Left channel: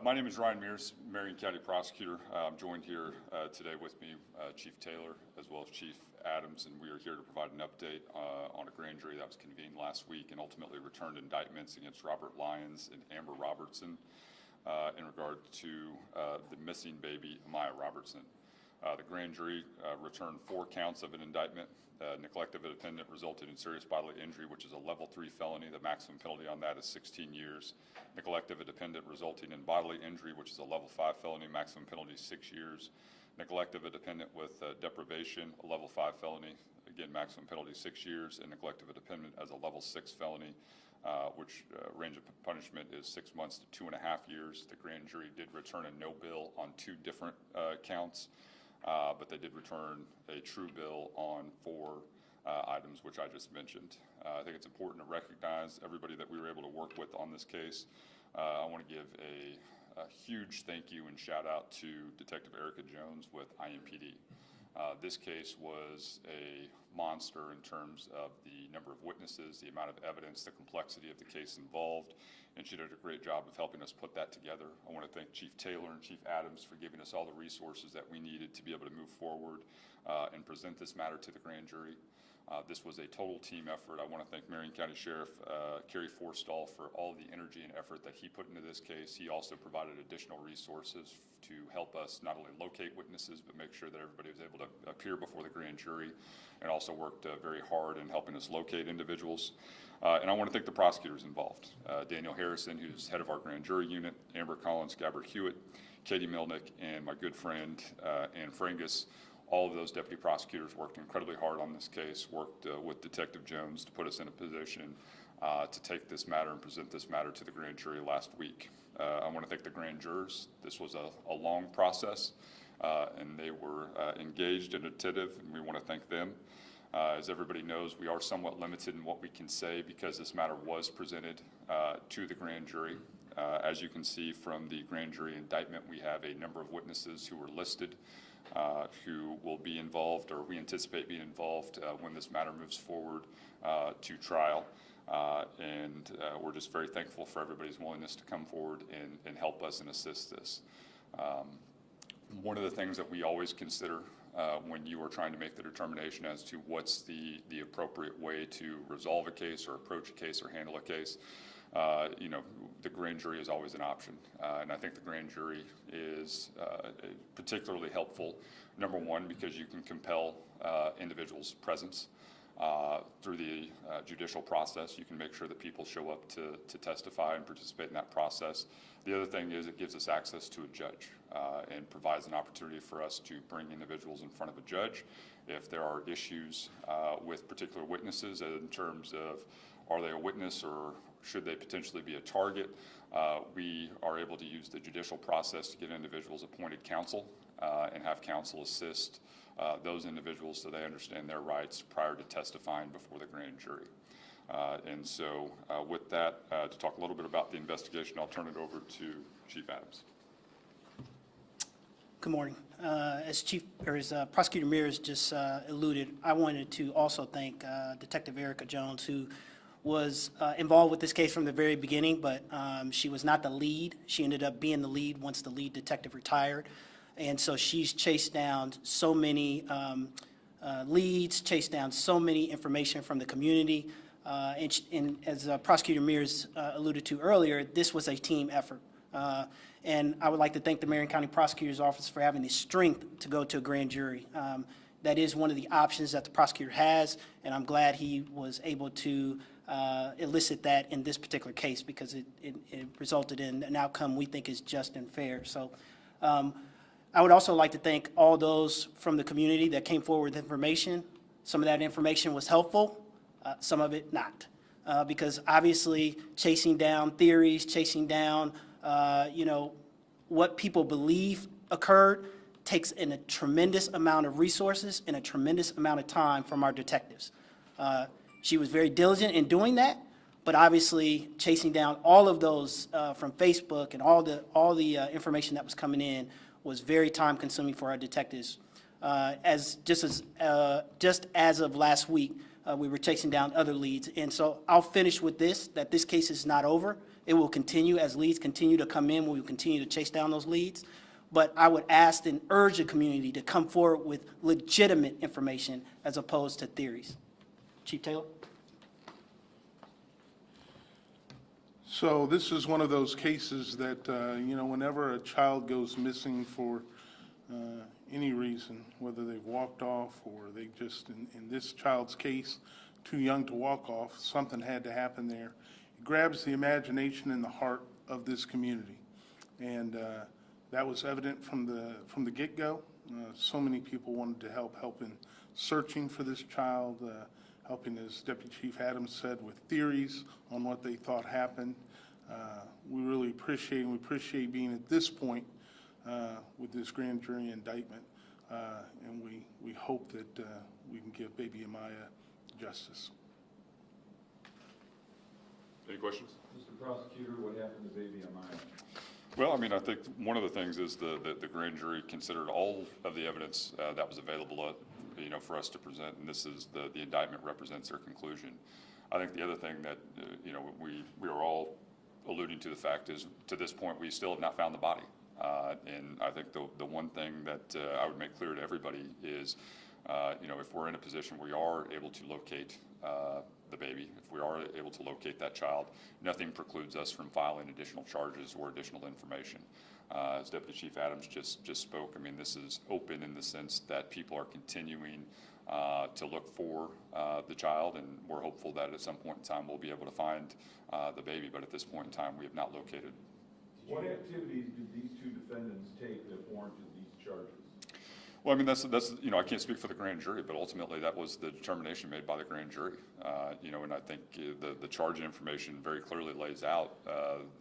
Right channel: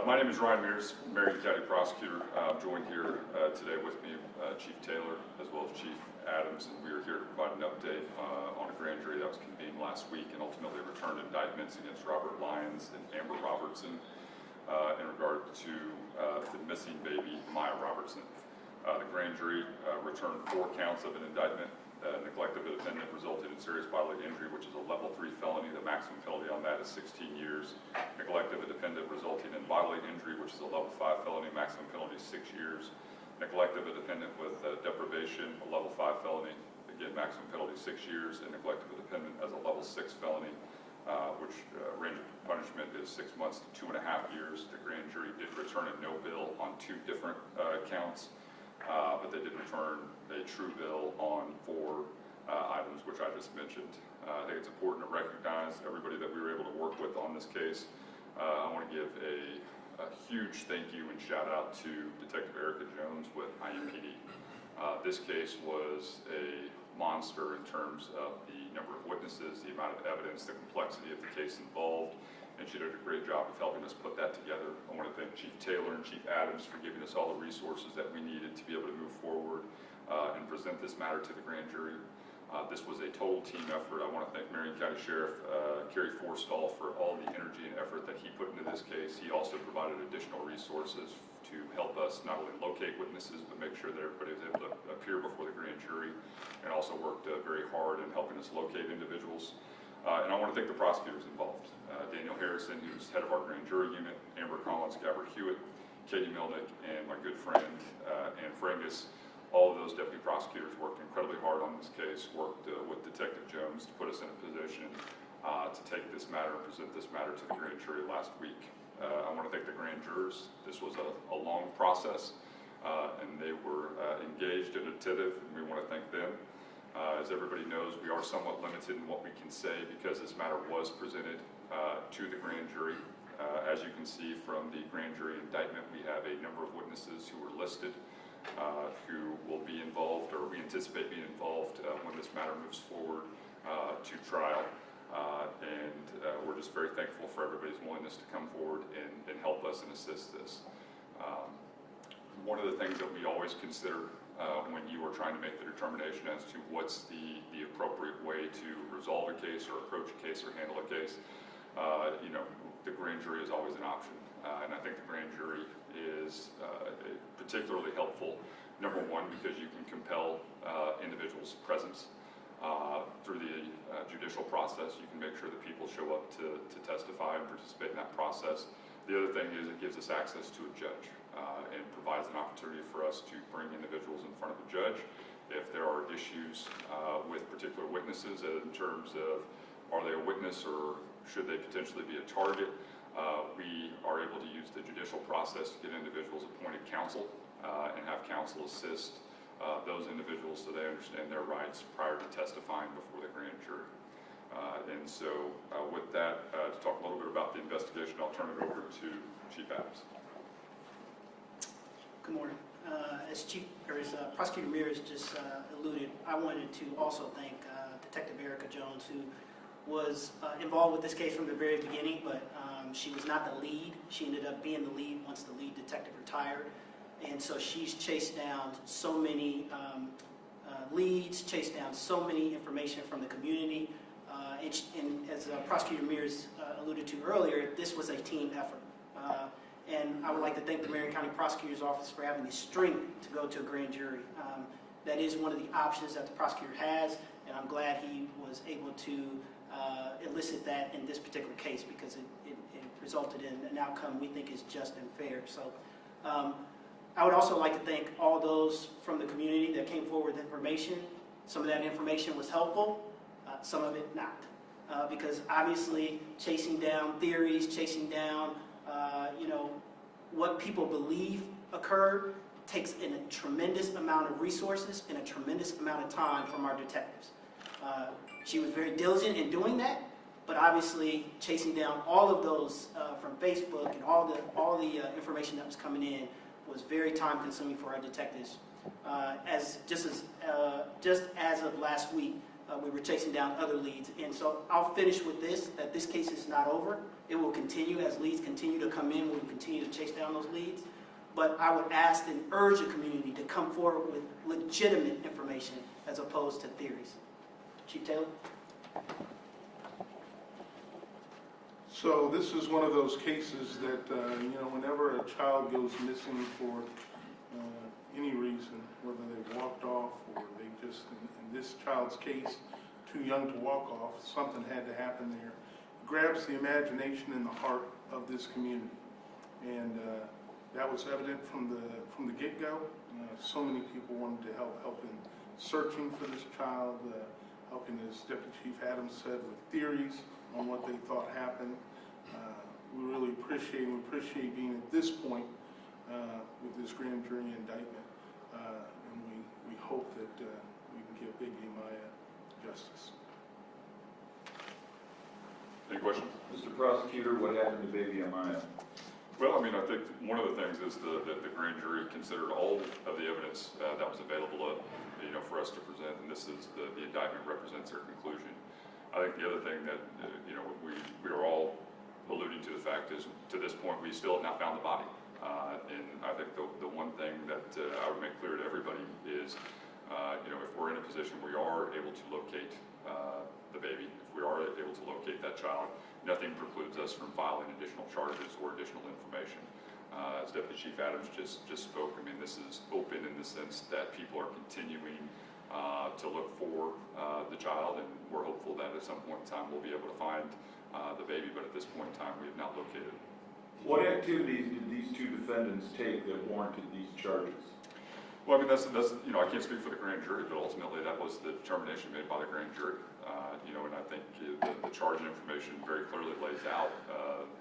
My name is Ryan Mears, Marion County Prosecutor. I'm joined here today with me, Chief Taylor, as well as Chief Adams, and we are here to provide an update on a grand jury that was convened last week and ultimately returned indictments against Robert Lyons and Amber Robertson in regard to the missing baby, Amiah Robertson. The grand jury returned 4 counts of an indictment. Neglect of a defendant resulted in serious bodily injury, which is a level 3 felony. The maximum penalty on that is 16 years. Neglect of a dependent resulting in bodily injury, which is a level 5 felony. Maximum penalty is 6 years. Neglect of a dependent with deprivation, a level 5 felony. Again, maximum penalty 6 years. And neglect of a dependent as a level 6 felony, which range of punishment is 6 months to 2.5 years. The grand jury did return a no bill on 2 different counts. But they did return a true bill on 4 items, which I just mentioned. I think it's important to recognize everybody that we were able to work with on this case. I want to give a huge thank you and shout out to Detective Erica Jones with IMPD. This case was a monster in terms of the number of witnesses, the amount of evidence, the complexity of the case involved. And she did a great job of helping us put that together. I want to thank Chief Taylor and Chief Adams for giving us all the resources that we needed to be able to move forward and present this matter to the grand jury. This was a total team effort. I want to thank Marion County Sheriff Kerry Forstall for all the energy and effort that he put into this case. He also provided additional resources to help us not only locate witnesses, but make sure that everybody was able to appear before the grand jury, and also worked very hard in helping us locate individuals. And I want to thank the prosecutors involved. Daniel Harrison, who's head of our grand jury unit, Amber Collins, Gabbard Hewitt, Katie Milnick, and my good friend, Ann Frangus. All of those deputy prosecutors worked incredibly hard on this case, worked with Detective Jones to put us in a position to take this matter and present this matter to the grand jury last week. I want to thank the grand jurors. This was a long process, and they were engaged and attentive, and we want to thank them. As everybody knows, we are somewhat limited in what we can say because this matter was presented to the grand jury. As you can see from the grand jury indictment, we have a number of witnesses who are listed who will be involved, or we anticipate being involved when this matter moves forward to trial. And we're just very thankful for everybody's willingness to come forward and help us and assist this. One of the things that we always consider when you are trying to make the determination as to what's the appropriate way to resolve a case or approach a case or handle a case, the grand jury is always an option. And I think the grand jury is particularly helpful, number one, because you can compel individuals' presence through the judicial process. You can make sure that people show up to testify and participate in that process. The other thing is it gives us access to a judge and provides an opportunity for us to bring individuals in front of a judge if there are issues with particular witnesses in terms of are they a witness or should they potentially be a target. We are able to use the judicial process to get individuals appointed counsel and have counsel assist those individuals so they understand their rights prior to testifying before the grand jury. And so with that, to talk a little bit about the investigation, I'll turn it over to Chief Adams. Good morning. As Prosecutor Mears just alluded, I wanted to also thank Detective Erica Jones, who was involved with this case from the very beginning, but she was not the lead. She ended up being the lead once the lead detective retired. And so she's chased down so many leads, chased down so many information from the community. And as Prosecutor Mears alluded to earlier, this was a team effort. And I would like to thank the Marion County Prosecutor's Office for having the strength to go to a grand jury. That is one of the options that the prosecutor has, and I'm glad he was able to elicit that in this particular case because it resulted in an outcome we think is just and fair. So I would also like to thank all those from the community that came forward with information. Some of that information was helpful, some of it not. Because obviously chasing down theories, chasing down what people believe occurred takes in a tremendous amount of resources and a tremendous amount of time from our detectives. She was very diligent in doing that, but obviously chasing down all of those from Facebook and all the information that was coming in was very time consuming for our detectives. Just as of last week, we were chasing down other leads. And so I'll finish with this, that this case is not over. It will continue as leads continue to come in. We will continue to chase down those leads. But I would ask and urge the community to come forward with legitimate information as opposed to theories. Chief Taylor? So this is one of those cases that, whenever a child goes missing for any reason, whether they've walked off or they just, in this child's case, too young to walk off, something had to happen there. It grabs the imagination and the heart of this community. And that was evident from the get-go. So many people wanted to help in searching for this child, helping, as Deputy Chief Adams said, with theories on what they thought happened. We really appreciate being at this point with this grand jury indictment, and we hope that we can give baby Amiah justice. Any questions? Mr. Prosecutor, what happened to baby Amiah? Well, I mean, I think one of the things is the grand jury considered all of the evidence that was available, for us to present, and this is the indictment represents their conclusion. I think the other thing that we are all alluding to the fact is, to this point, we still have not found the body. And I think the one thing that I would make clear to everybody is, if we're in a position where we are able to locate the baby, if we are able to locate that child, nothing precludes us from filing additional charges or additional information. As Deputy Chief Adams just spoke, I mean, this is open in the sense that people are continuing to look for the child, and we're hopeful that at some point in time we'll be able to find the baby, but at this point in time we have not located. What activities did these two defendants take that warranted these charges? Well, I mean, that's I can't speak for the grand jury, but ultimately that was the determination made by the grand jury. And I think the charging information very clearly lays out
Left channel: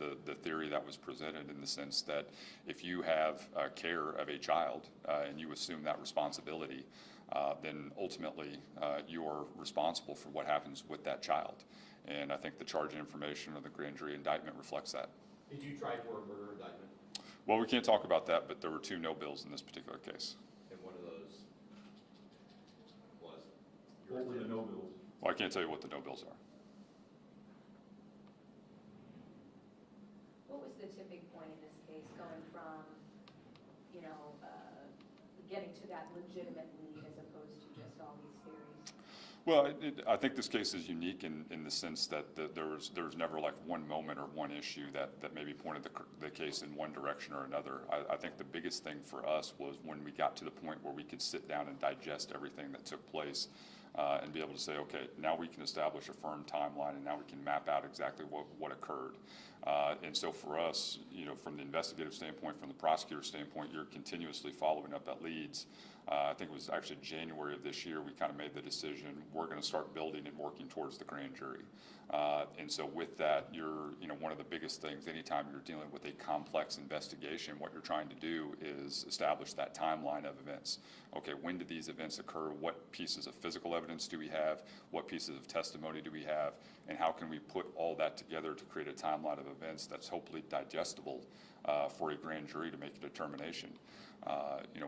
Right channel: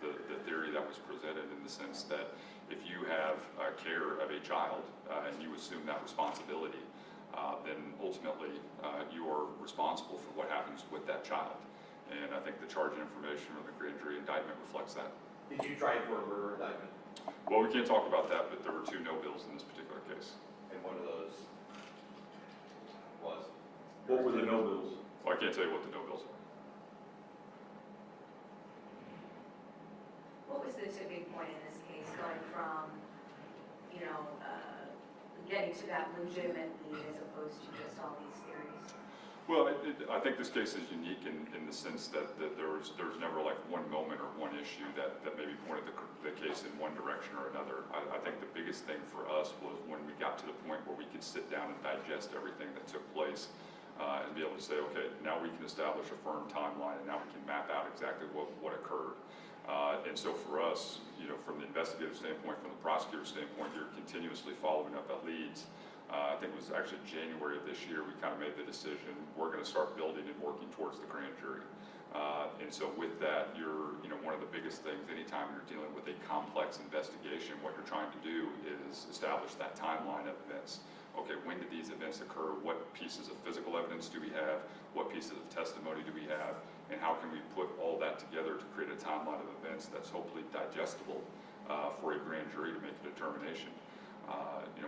the theory that was presented, in the sense that if you have care of a child and you assume that responsibility, then ultimately you are responsible for what happens with that child. And I think the charging information of the grand jury indictment reflects that. Did you try for a murder indictment? Well, we can't talk about that, but there were 2 no bills in this particular case. And one of those was? What were the no bills? Well, I can't tell you what the no bills are. What was the tipping point in this case, going from, getting to that legitimate lead as opposed to just all these theories? Well, I think this case is unique in the sense that there was never like one moment or one issue that maybe pointed the case in one direction or another. I think the biggest thing for us was when we got to the point where we could sit down and digest everything that took place, and be able to say, okay, now we can establish a firm timeline, and now we can map out exactly what occurred. And so for us, from the investigative standpoint, from the prosecutor standpoint, you're continuously following up that leads. I think it was actually January of this year we kind of made the decision, we're going to start building and working towards the grand jury. And so with that, one of the biggest things, anytime you're dealing with a complex investigation, what you're trying to do is establish that timeline of events. Okay, when did these events occur? What pieces of physical evidence do we have? What pieces of testimony do we have? And how can we put all that together to create a timeline of events that's hopefully digestible for a grand jury to make a determination?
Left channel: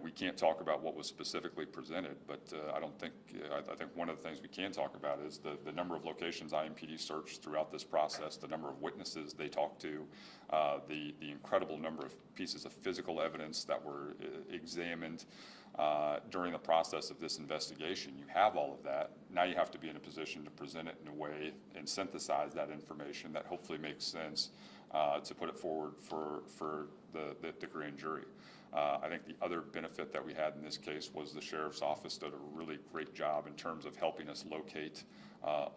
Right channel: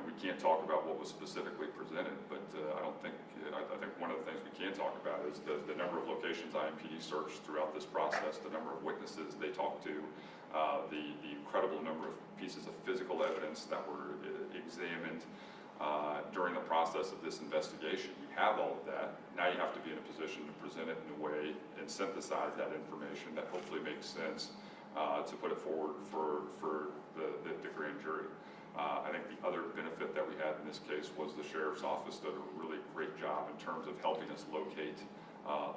We can't talk about what was specifically presented, but I think one of the things we can talk about is the number of locations IMPD searched throughout this process, the number of witnesses they talked to, the incredible number of pieces of physical evidence that were examined during the process of this investigation. You have all of that. Now you have to be in a position to present it in a way and synthesize that information that hopefully makes sense to put it forward for the grand jury. I think the other benefit that we had in this case was the sheriff's office did a really great job in terms of helping us locate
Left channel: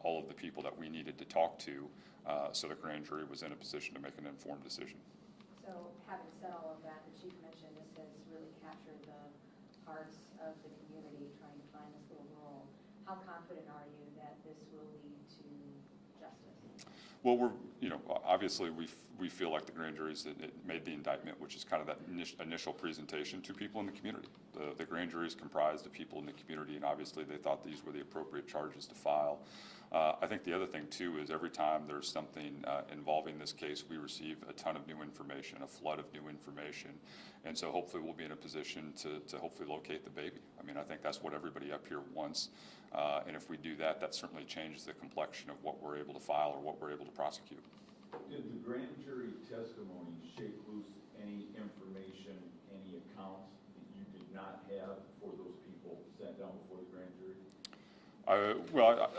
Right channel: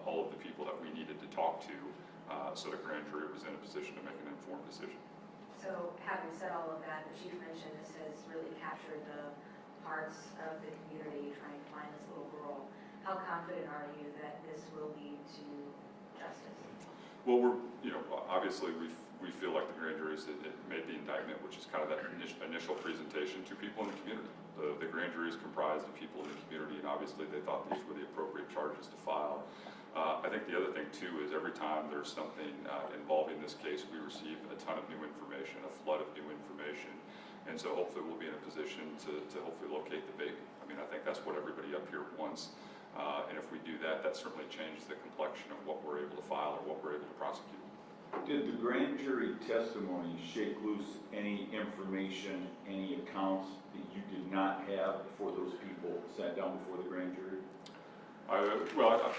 all of the people that we needed to talk to, so the grand jury was in a position to make an informed decision. So having said all of that, the chief mentioned this has really captured the hearts of the community trying to find this little girl. How confident are you that this will lead to justice? Well, obviously we feel like the grand jury made the indictment, which is kind of that initial presentation to people in the community. The grand jury is comprised of people in the community, and obviously they thought these were the appropriate charges to file. I think the other thing too is every time there's something involving this case, we receive a ton of new information, a flood of new information, and so hopefully we'll be in a position to hopefully locate the baby. I mean, I think that's what everybody up here wants, and if we do that, that certainly changes the complexion of what we're able to file or what we're able to prosecute. Did the grand jury testimony shake loose any information, any accounts that you did not have before those people sat down before the grand jury? Well,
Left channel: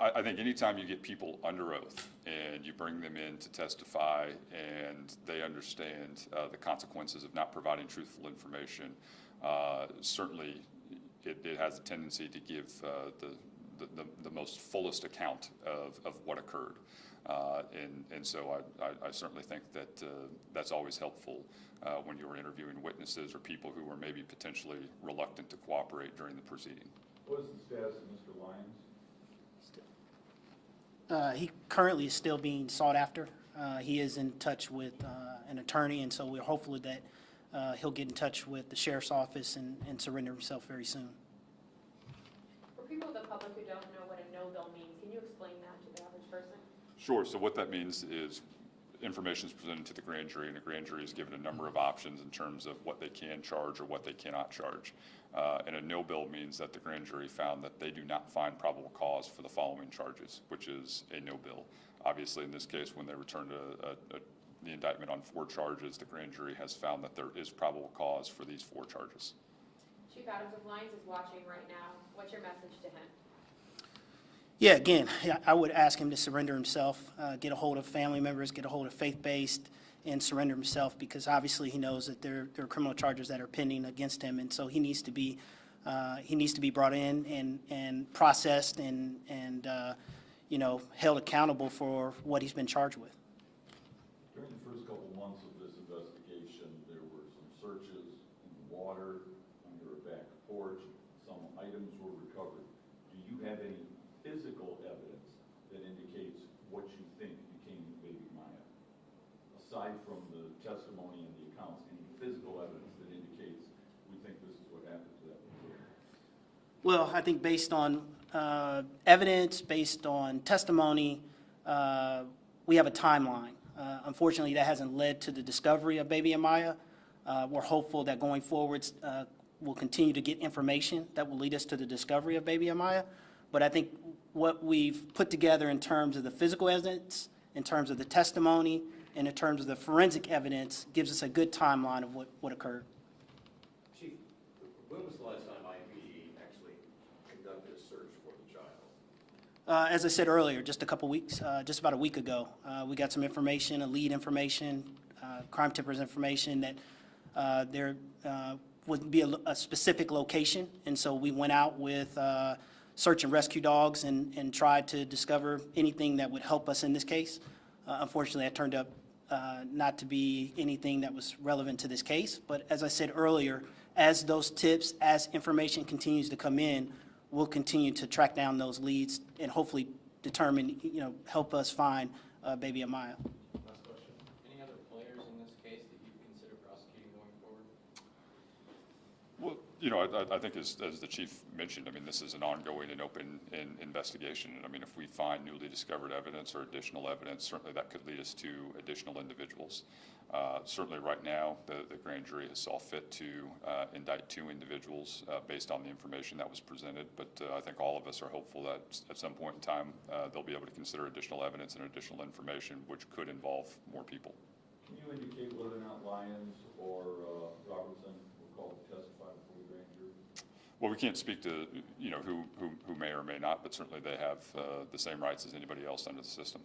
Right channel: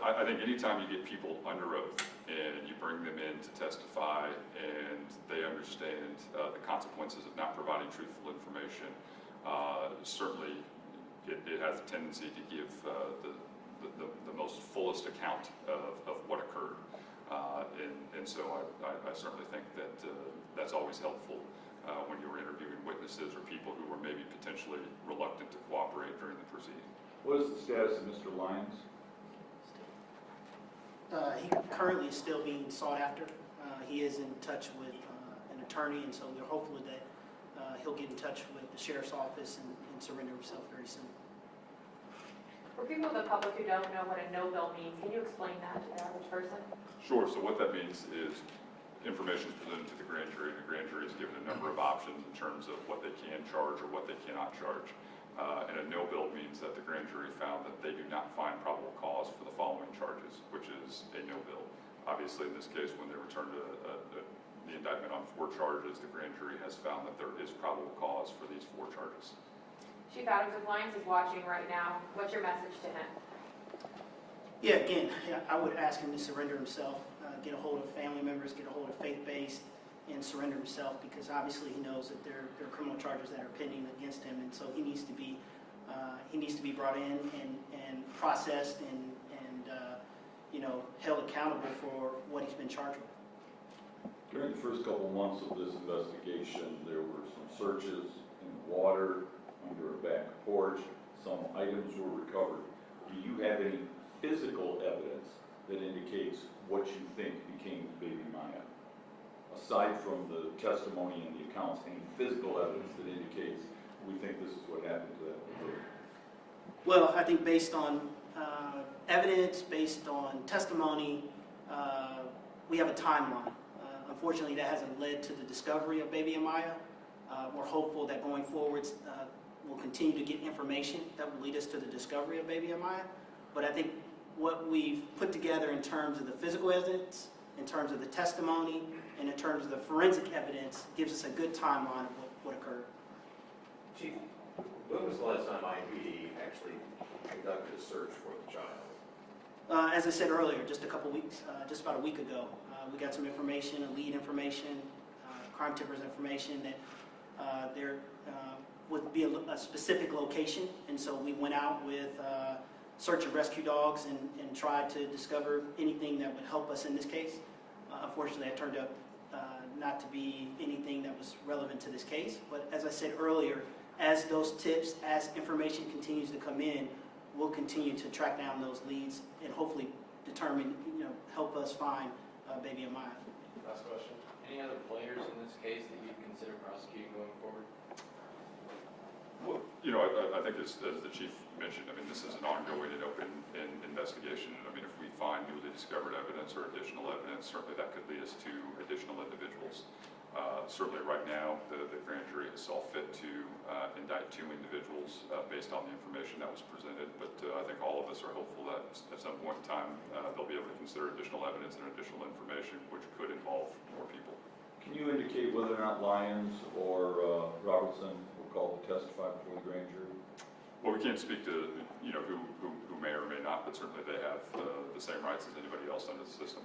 I think anytime you get people under oath and you bring them in to testify and they understand the consequences of not providing truthful information, certainly it has a tendency to give the most fullest account of what occurred. And so I certainly think that that's always helpful when you're interviewing witnesses or people who were maybe potentially reluctant to cooperate during the proceeding. What is the status of Mr. Lyons? He currently is still being sought after. He is in touch with an attorney, and so we're hopeful that he'll get in touch with the sheriff's office and surrender himself very soon. For people in the public who don't know what a no bill means, can you explain that to the average person? Sure. So what that means is information is presented to the grand jury, and the grand jury is given a number of options in terms of what they can charge or what they cannot charge. And a no bill means that the grand jury found that they do not find probable cause for the following charges, which is a no bill. Obviously, in this case, when they returned the indictment on 4 charges, the grand jury has found that there is probable cause for these 4 charges. Chief Adams, if Lyons is watching right now, what's your message to him? Yeah, again, I would ask him to surrender himself, get a hold of family members, get a hold of faith-based, and surrender himself, because obviously he knows that there are criminal charges that are pending against him, and so he needs to be brought in and processed and held accountable for what he's been charged with. During the first couple months of this investigation, there were some searches in the water, under a back porch, some items were recovered. Do you have any physical evidence that indicates what you think became baby Amiah? Aside from the testimony and the accounts, any physical evidence that indicates we think this is what happened to that boy? Well, I think based on evidence, based on testimony, we have a timeline. Unfortunately, that hasn't led to the discovery of baby Amiah. We're hopeful that going forwards, we'll continue to get information that will lead us to the discovery of baby Amiah. But I think what we've put together in terms of the physical evidence, in terms of the testimony, and in terms of the forensic evidence gives us a good timeline of what occurred. Chief, when was the last time IPD actually conducted a search for the child? As I said earlier, just a couple weeks, just about a week ago, we got some information, a lead information, crime tippers information that there would be a specific location, and so we went out with search and rescue dogs and tried to discover anything that would help us in this case. Unfortunately, that turned up not to be anything that was relevant to this case, but as I said earlier, as those tips, as information continues to come in, we'll continue to track down those leads and hopefully determine, help us find baby Amiah. Last question. Any other players in this case that you'd consider prosecuting going forward? Well, I think as the chief mentioned, this is an ongoing and open investigation. And if we find newly discovered evidence or additional evidence, certainly that could lead us to additional individuals. Certainly right now, the grand jury has saw fit to indict 2 individuals based on the information that was presented, but I think all of us are hopeful that at some point in time they'll be able to consider additional evidence and additional information which could involve more people. Can you indicate whether or not Lyons or Robertson were called to testify before the grand jury? Well, we can't speak to who may or may not, but certainly they have the same rights as anybody else under the system.